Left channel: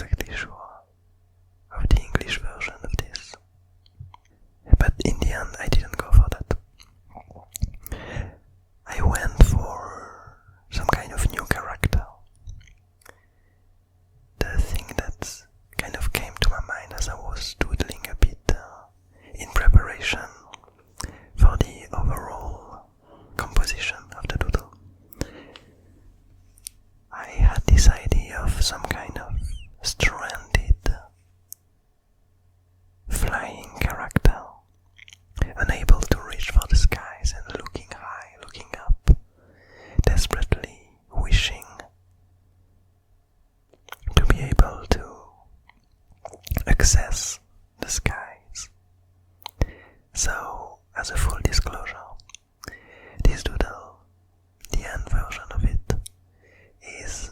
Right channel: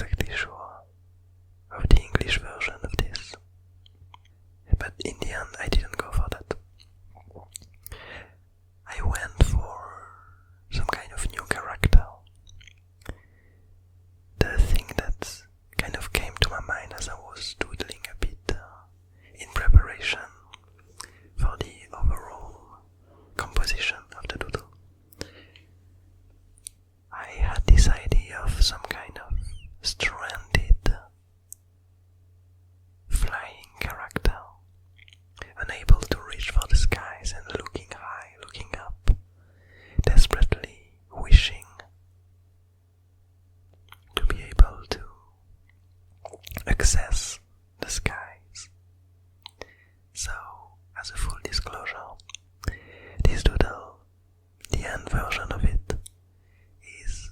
exactly sure of the English version of this. But in the end, I didn't go for that. I went for some kind of new character. The thing that kind of came to my mind as I was doodling a bit in preparation for the overall composition of the doodle. I had this idea of some kind of stranded flying character, unable to reach for the skies and looking high, looking up, desperately wishing to be able to access the skies. So, as a full disclosure, this doodle, the end version of it, is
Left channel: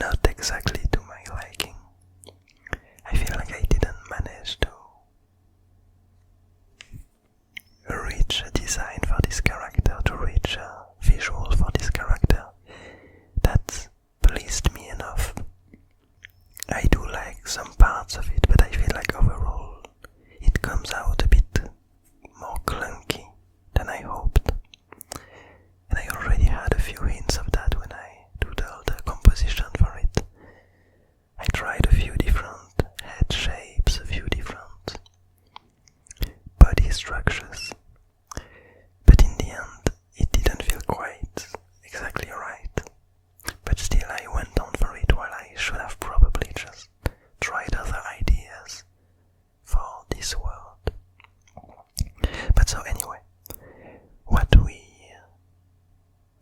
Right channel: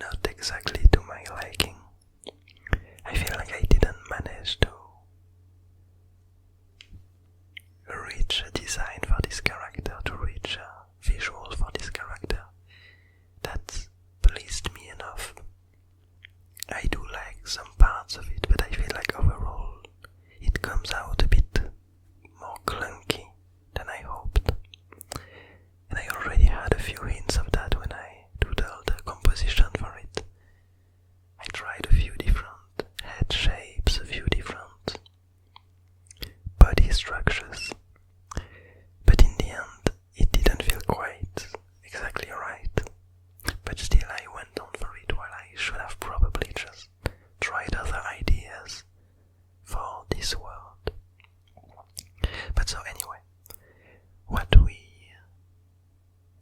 not exactly to my liking. I feel like I didn't manage to reach a design for this character, to reach a visual for this character that pleased me enough. I do like some parts of it, but I feel like overall it comes out a bit more clunky than I hoped. And I already had a few hints of that when I doodled the composition for it. I tried a few different head shapes, a few different body structures, but in the end it didn't feel quite exactly right. But still I went on for it while I should have probably just tried other ideas for this world. But so anyway,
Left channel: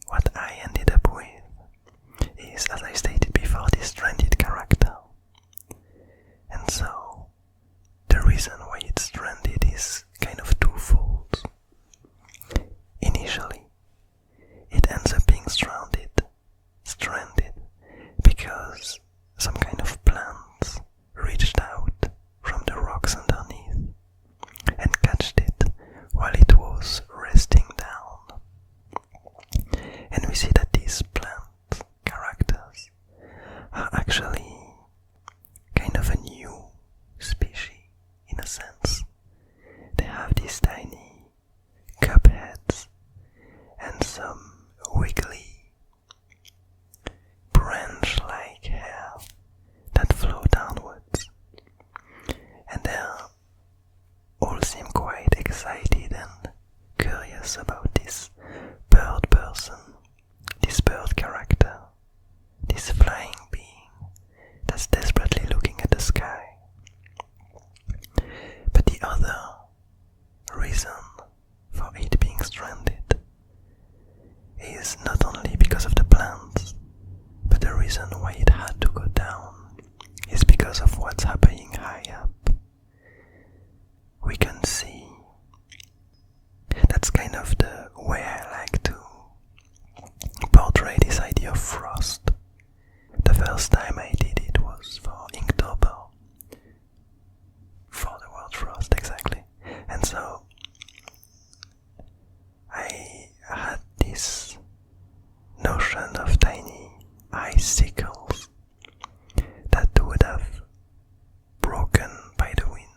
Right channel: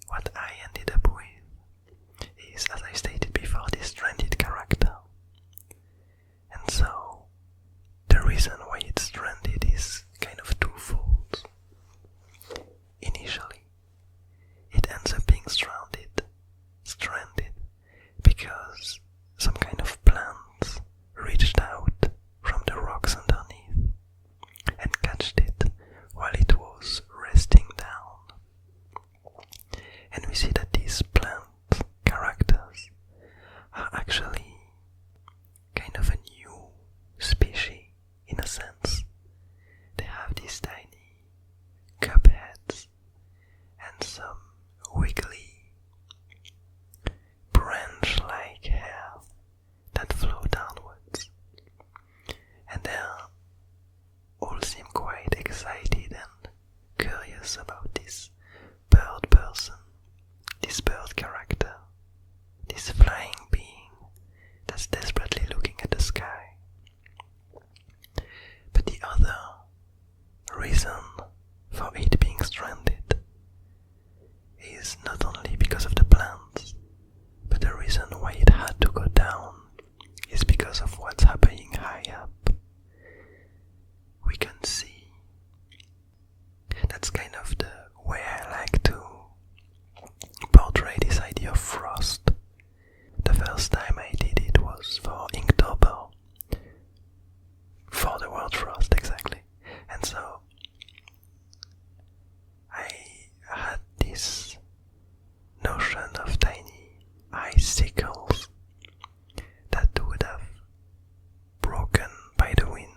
what I ended up with is, as I stated before, this stranded character. And so the reason why it's stranded is kind of twofold. Initially, it ends up being stranded because some kind of plant reached out from the rocks underneath and catched it while it was resting down. And we see that these plant characters are actually kind of a new species in a sense. They have these tiny cup heads and some wiggly branch-like hair that flow downwards, and they all seem quite excited and curious about this bird person, this bird character, this flying being that's desperately looking at the sky. But the other reason for it being stranded is not only because of the plants, but the reason why it had to go down is because of what's happening high up. We can see, that's kind of the way I like to portray this idea of frost. The first time I did it was for Inktober, for the word frost exactly. And so I had this notion of tiny icicles that would have broken by the wind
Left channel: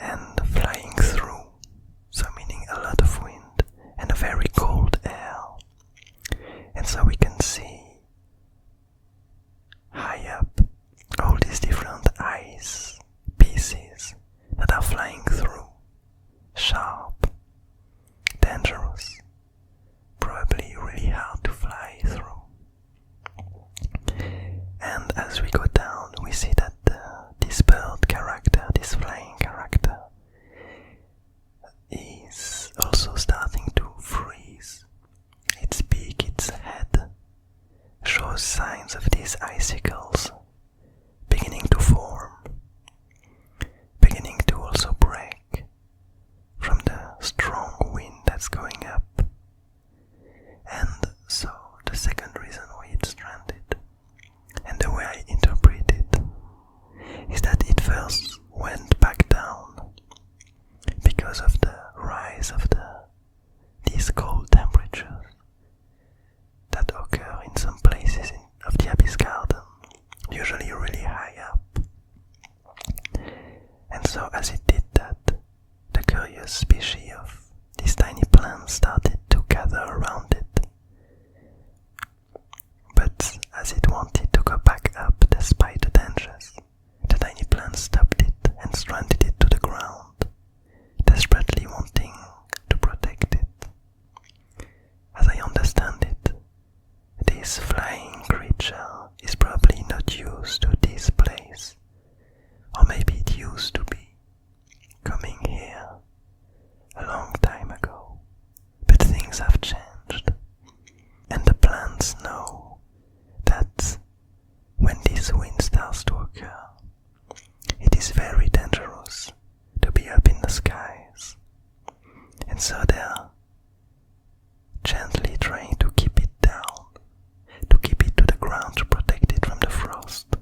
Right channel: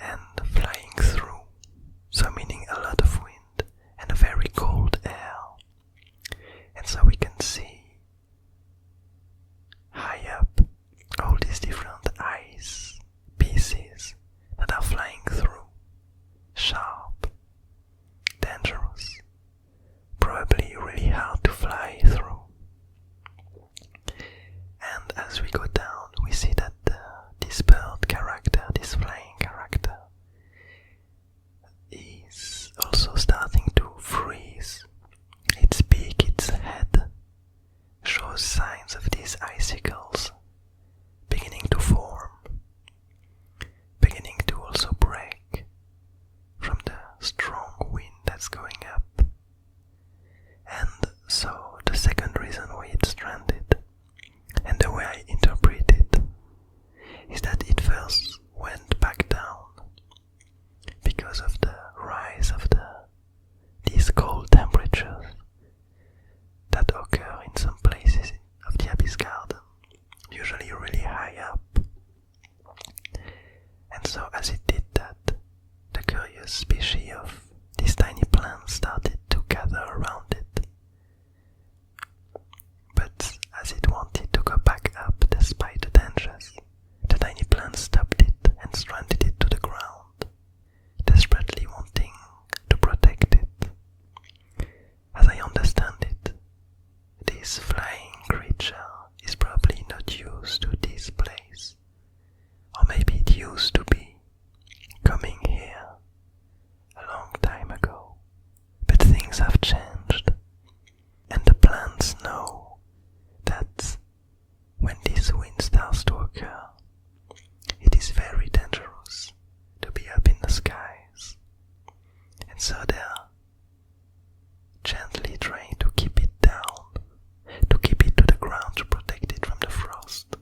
and flying through, so meaning a lot of wind and a very cold air. And so we can see high up all these different ice pieces that are flying through, sharp, dangerous, probably really hard to fly through. And as we go down, we see that this bird character, this flying character, is also starting to freeze. Its beak, its head, shows signs of these icicles beginning to form, beginning to also break from the strong wind that's going up. And so the second reason why it's stranded, and the way I interpret it, is that it first went back down because of the rise of these cold temperatures that occur in some places of various species of these tiny plants started to gather around it. But as it wanted to go back up despite the dangers, the tiny plant stopped it and stranded it to the ground, desperately wanting to protect it. As I understand it, this flying creature is probably not used to this place, or maybe it used to be coming here a long time ago, but things have changed, and the plants know that when this wind starts to occur, it is very dangerous to be up in the skies, and so they're gently trying to keep it down, to keep it to the ground to protect it from the frost,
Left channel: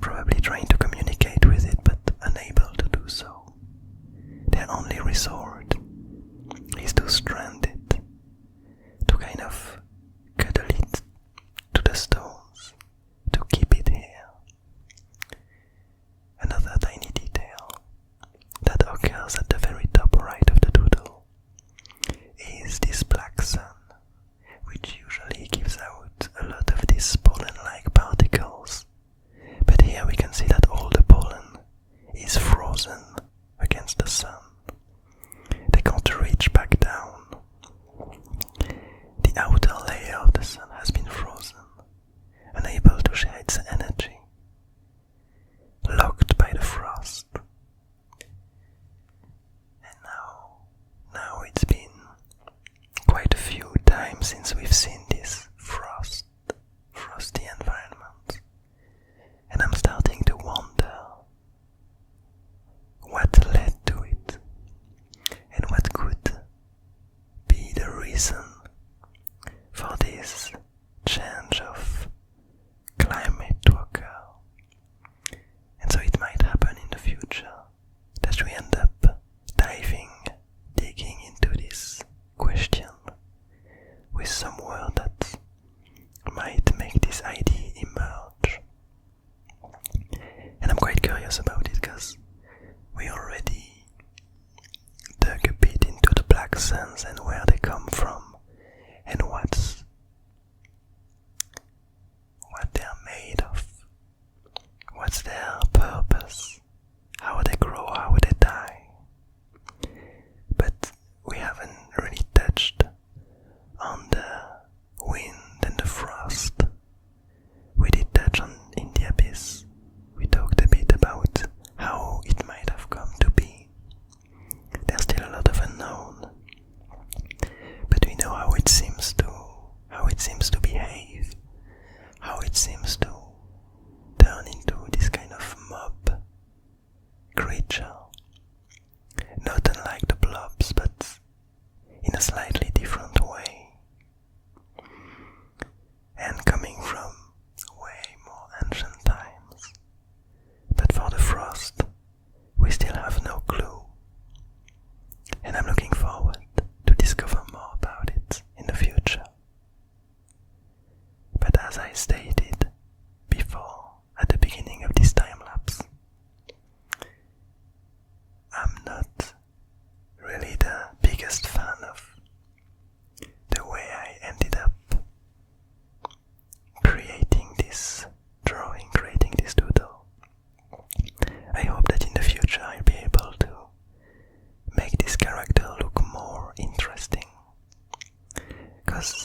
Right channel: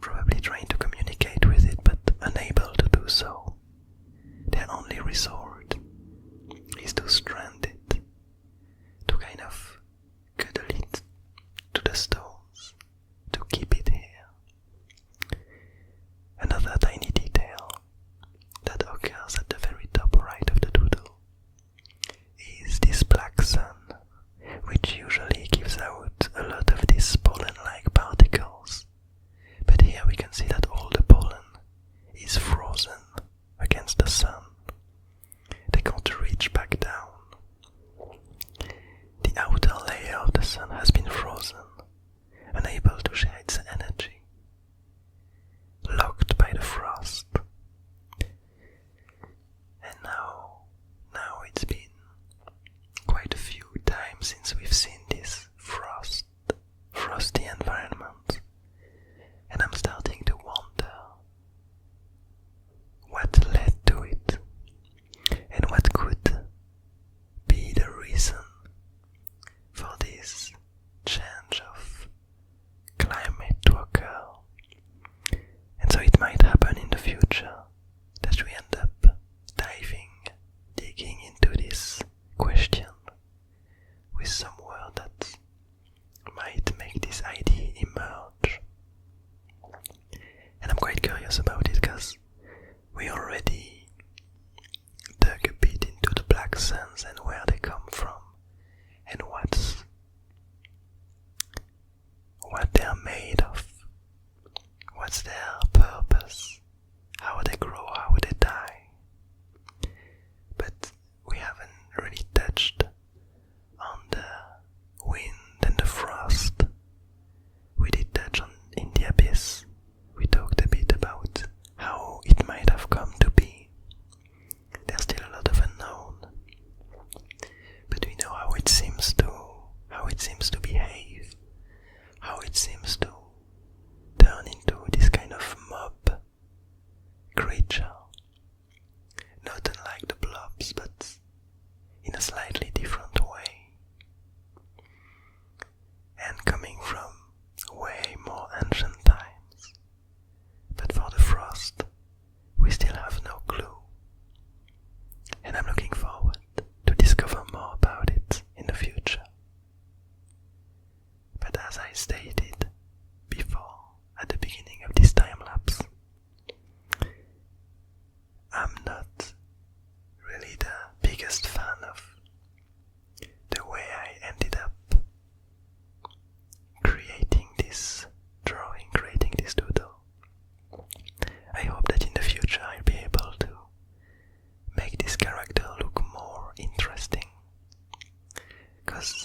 probably trying to communicate with it but unable to do so. Their only resort is to strand it, to kind of cuddle it to the stones, to keep it here. Another tiny detail that occurs at the very top right of the doodle is this black sun, which usually gives out a lot of these pollen-like particles. But here we can see that all the pollen is frozen against the sun. They can't reach back down. The outer layer of the sun has been frozen, unable to share its energy, locked by the frost. And now it's been quite a few times since we've seen this frosty environment, and I'm starting to wonder what led to it, and what could be the reason for this change of climate to occur. And so it might happen in the future that we end up digging into this question with some word that might make this idea emerge. And I'm quite curious about it because we already dug a bit into the black suns and where they come from and what they're made of, what's their purpose, how they grow, how they die. But we haven't really touched on the wind and the frost. We did touch on in the abyss. We talked a bit about how it might have come to be. There's still a lot of unknown, but we know how it seems to behave, how it seems to turn into this kind of mob creature, not unlike the blobs, but in a slightly different way, and coming from way more ancient times. But for the frost, we still have no clue, and I'm looking forward to discover more about it in the future. But as I stated before, at the beginning of this time-lapse, I'm not really the biggest fan of the way I ended up creating this drawing, creating this doodle. I hope that in the future I'll be able to make this character look more interesting, because